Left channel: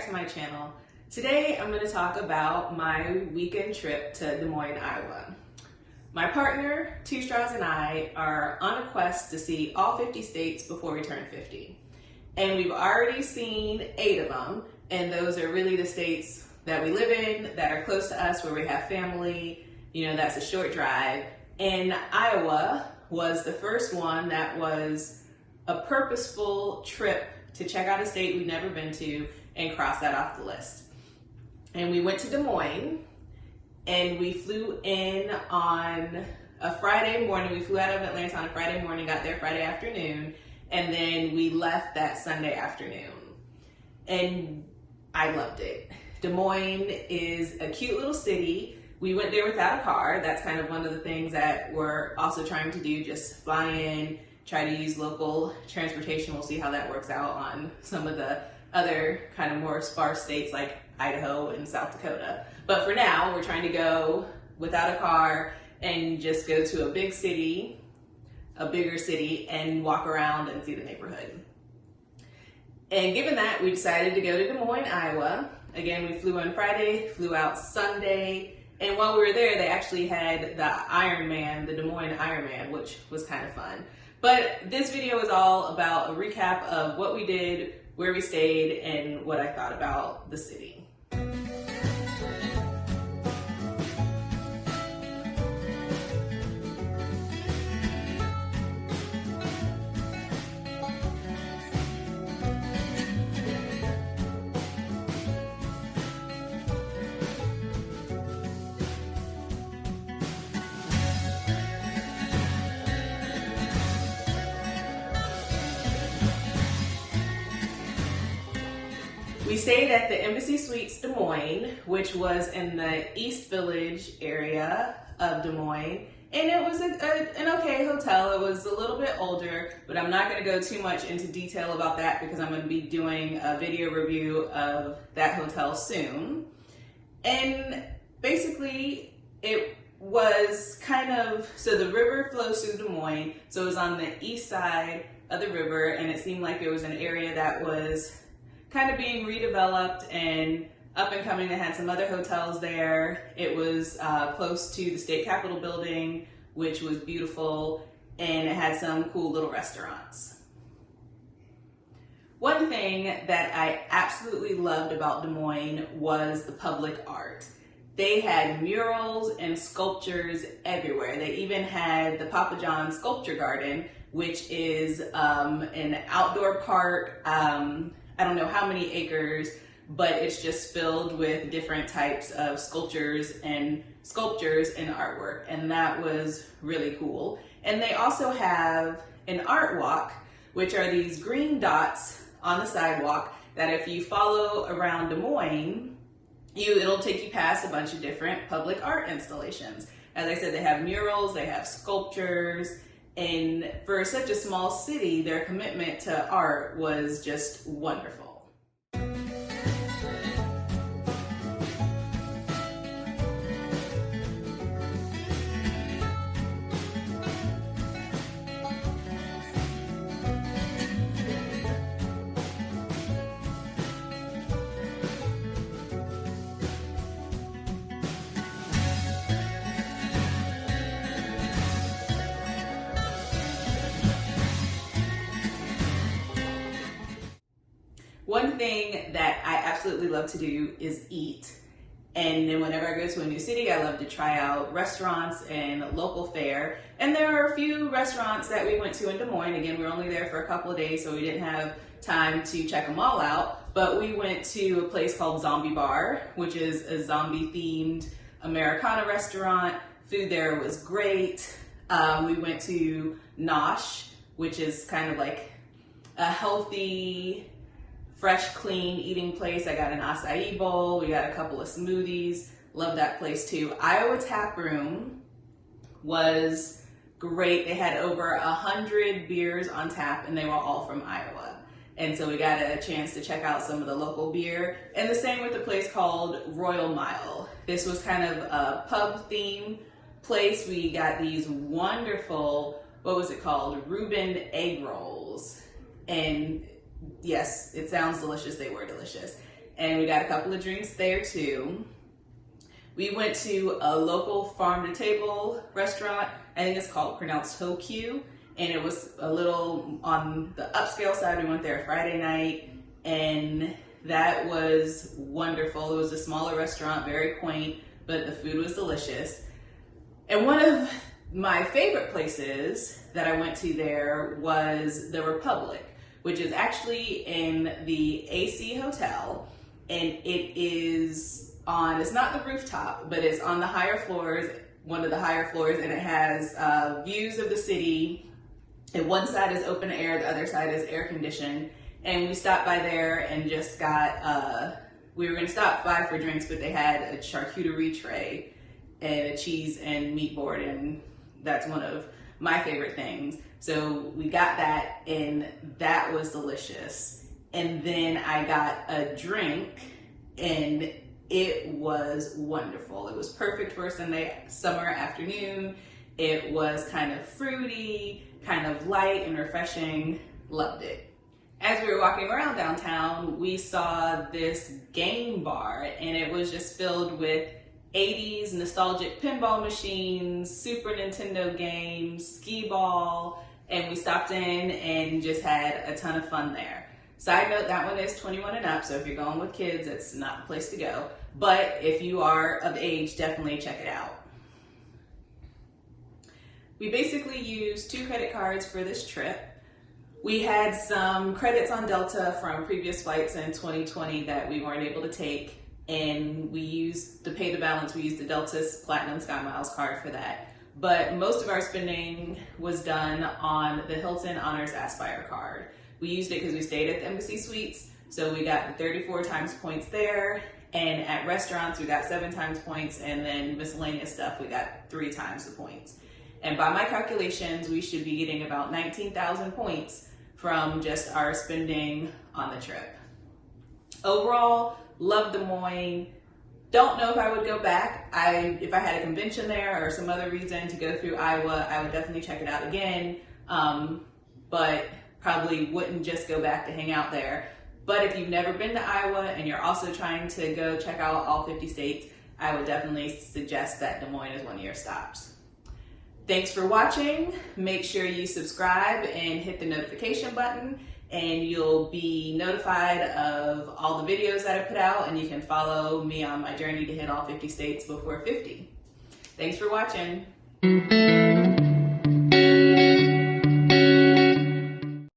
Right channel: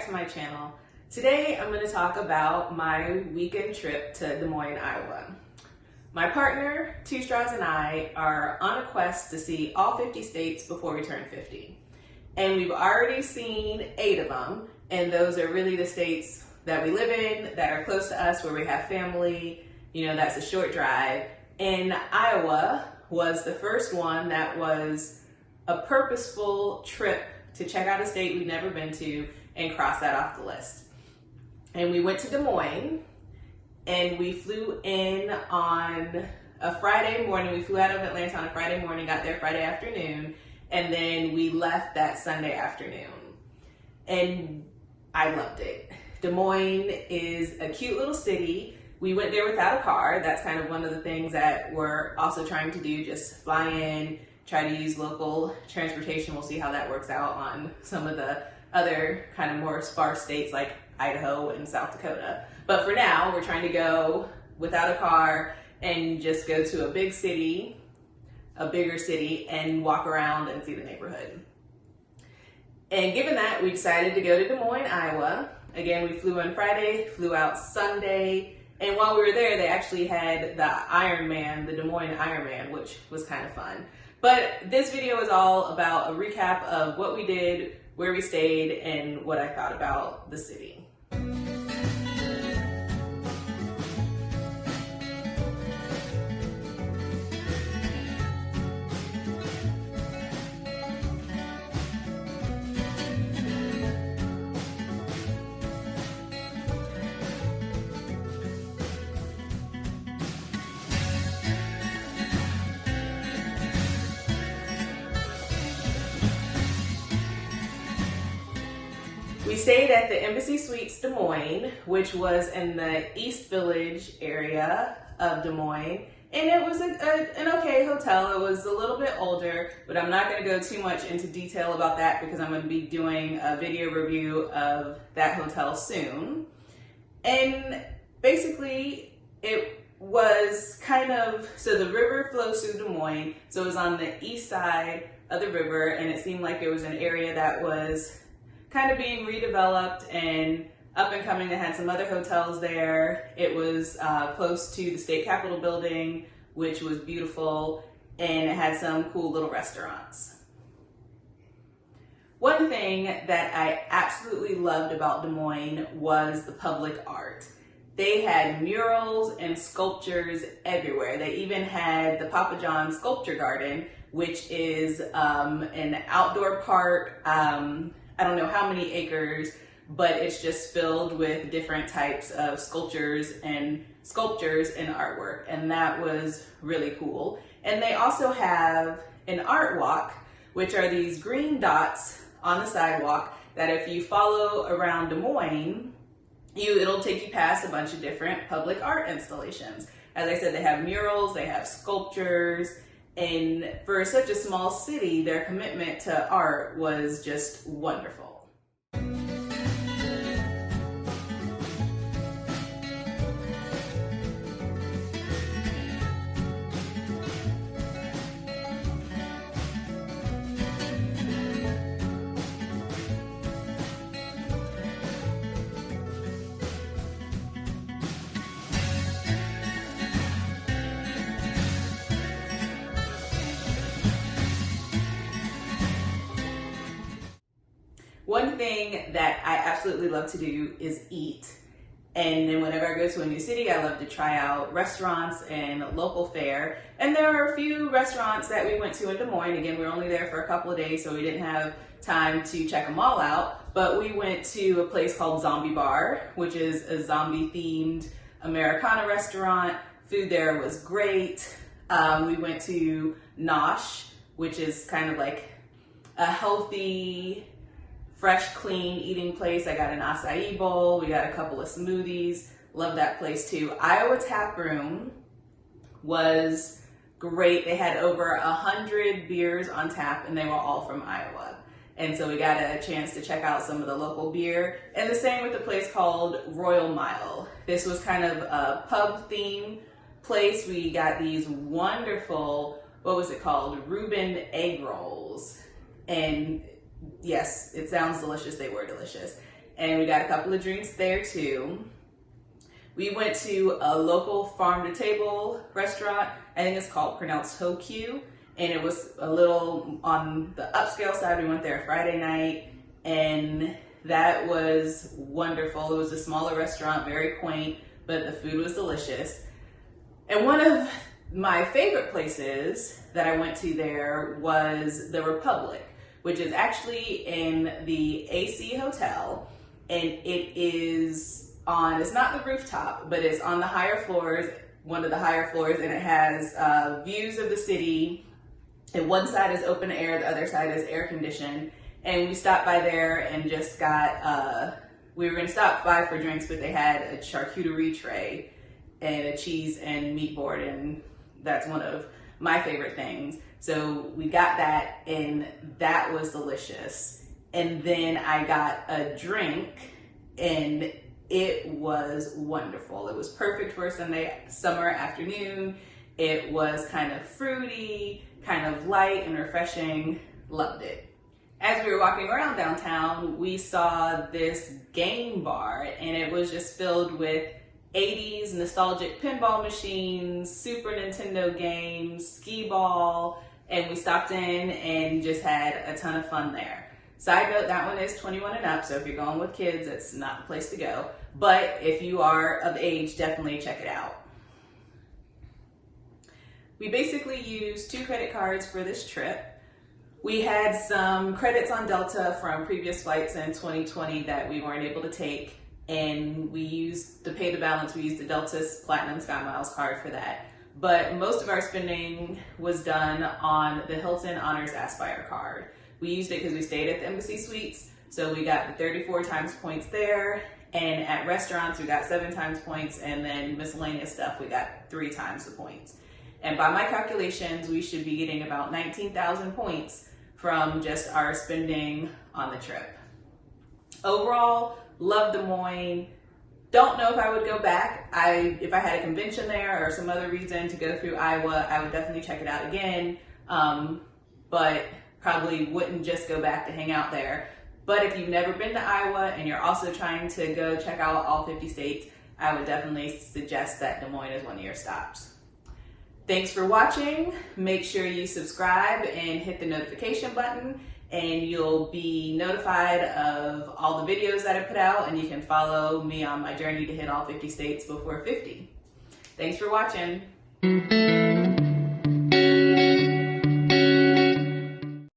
back to my channel. Today I'm going to talk about my weekend trip to Des Moines, Iowa. My partner, Two Straws, and I are on a quest to see all 50 states before we turn 50. And we've already seen 8 of them, and those are really the states that we live in, that are close to us, where we have family, that's a short drive. And Iowa was the first one that was a purposeful trip to check out a state we've never been to and cross that off the list. And we went to Des Moines, and we flew in on a Friday morning. We flew out of Atlanta on a Friday morning, got there Friday afternoon, and then we left that Sunday afternoon. And I loved it. Des Moines is a cute little city. We went there without a car. That's kind of one of the things that we're also trying to do, just fly in, try to use local transportation. We'll see how that works out on some of the other kind of more sparse states like Idaho and South Dakota. But for now, we're trying to go without a car and just go to a big city, a bigger city, and walk around and see the neighborhood. And given that, we decided to go to Des Moines, Iowa. Again, we flew on Friday, flew out Sunday, and while we were there, they actually had the Ironman, the Des Moines Ironman, which was kind of fun. But this video is all about a recap of what we did, where we stayed, and what I thought about the city. We stayed at the Embassy Suites Des Moines, which was in the East Village area of Des Moines. And it was an okay hotel. It was a little bit older, but I'm not going to go too much into detail about that because I'm going to be doing a video review of that hotel soon. And basically, it was so the river flows through Des Moines, so it was on the east side of the river, and it seemed like it was an area that was kind of being redeveloped and up and coming. They had some other hotels there. It was close to the state capitol building, which was beautiful, and it had some cool little restaurants. One thing that I absolutely loved about Des Moines was the public art. They had murals and sculptures everywhere. They even had the Pappajohn sculpture garden, which is an outdoor park. I don't know how many acres, but it's just filled with different types of sculptures and artwork, and that was really cool. And they also have an art walk, which are these green dots on the sidewalk that if you follow around Des Moines, it'll take you past a bunch of different public art installations. As I said, they have murals, they have sculptures, and for such a small city, their commitment to art was just wonderful. One thing that I absolutely love to do is eat. And then whenever I go to a new city, I love to try out restaurants and local fare. And there are a few restaurants that we went to in Des Moines. Again, we were only there for a couple of days, so we didn't have time to check them all out. But we went to a place called Zombie Bar, which is a zombie-themed Americana restaurant. Food there was great. We went to Nosh, which is kind of like a healthy, fresh, clean eating place. I got an acai bowl. We got a couple of smoothies. Love that place too. Iowa Tap Room was great. They had over 100 beers on tap, and they were all from Iowa. And so we got a chance to check out some of the local beer. And the same with the place called Royal Mile. This was kind of a pub theme place. We got these wonderful, Reuben egg rolls. And yes, it sounds delicious. They were delicious. and we got a couple of drinks there too. We went to a local farm-to-table restaurant. I think it's pronounced Hokyu, and it was a little on the upscale side. We went there Friday night, and that was wonderful. It was a smaller restaurant, very quaint, but the food was delicious. And one of my favorite places that I went to there was the Republic, which is actually in the AC Hotel, and it's not the rooftop, but it's on the higher floors, one of the higher floors, and it has views of the city. And one side is open air, the other side is air conditioned. And we stopped by there and just got, we were gonna stop by for drinks, but they had a charcuterie tray and a cheese and meat board, and that's one of my favorite things. So we got that, and that was delicious. And then I got a drink, and it was wonderful. It was perfect for a Sunday summer afternoon. It was kind of fruity, kind of light and refreshing. Loved it. As we were walking around downtown, we saw this game bar, and it was just filled with 80s nostalgic pinball machines, Super Nintendo games, skee ball, and we stopped in and just had a ton of fun there. Side note, that one is 21 and up, so if you're going with kids, it's not the place to go. But if you are of age, definitely check it out. We basically used 2 credit cards for this trip. We had some credits on Delta from previous flights in 2020 that we weren't able to take, and we used, to pay the balance, we used the Delta's Platinum Sky Miles card for that. But most of our spending was done on the Hilton Honors Aspire card. We used it because we stayed at the Embassy Suites, so we got the 34 times points there, and at restaurants we got 7 times points, and then miscellaneous stuff we got 3 times the points. And by my calculations, we should be getting about 19,000 points from just our spending on the trip. Overall, love Des Moines. Don't know if I would go back. If I had a convention there or some other reason to go through Iowa, I would definitely check it out again. But probably wouldn't just go back to hang out there. But if you've never been to Iowa and you're also trying to go check out all 50 states, I would definitely suggest that Des Moines is one of your stops. Thanks for watching. Make sure you subscribe and hit the notification button, and you'll be notified of all the videos that I put out, and you can follow me on my journey to hit all 50 states before 50. Thanks for watching.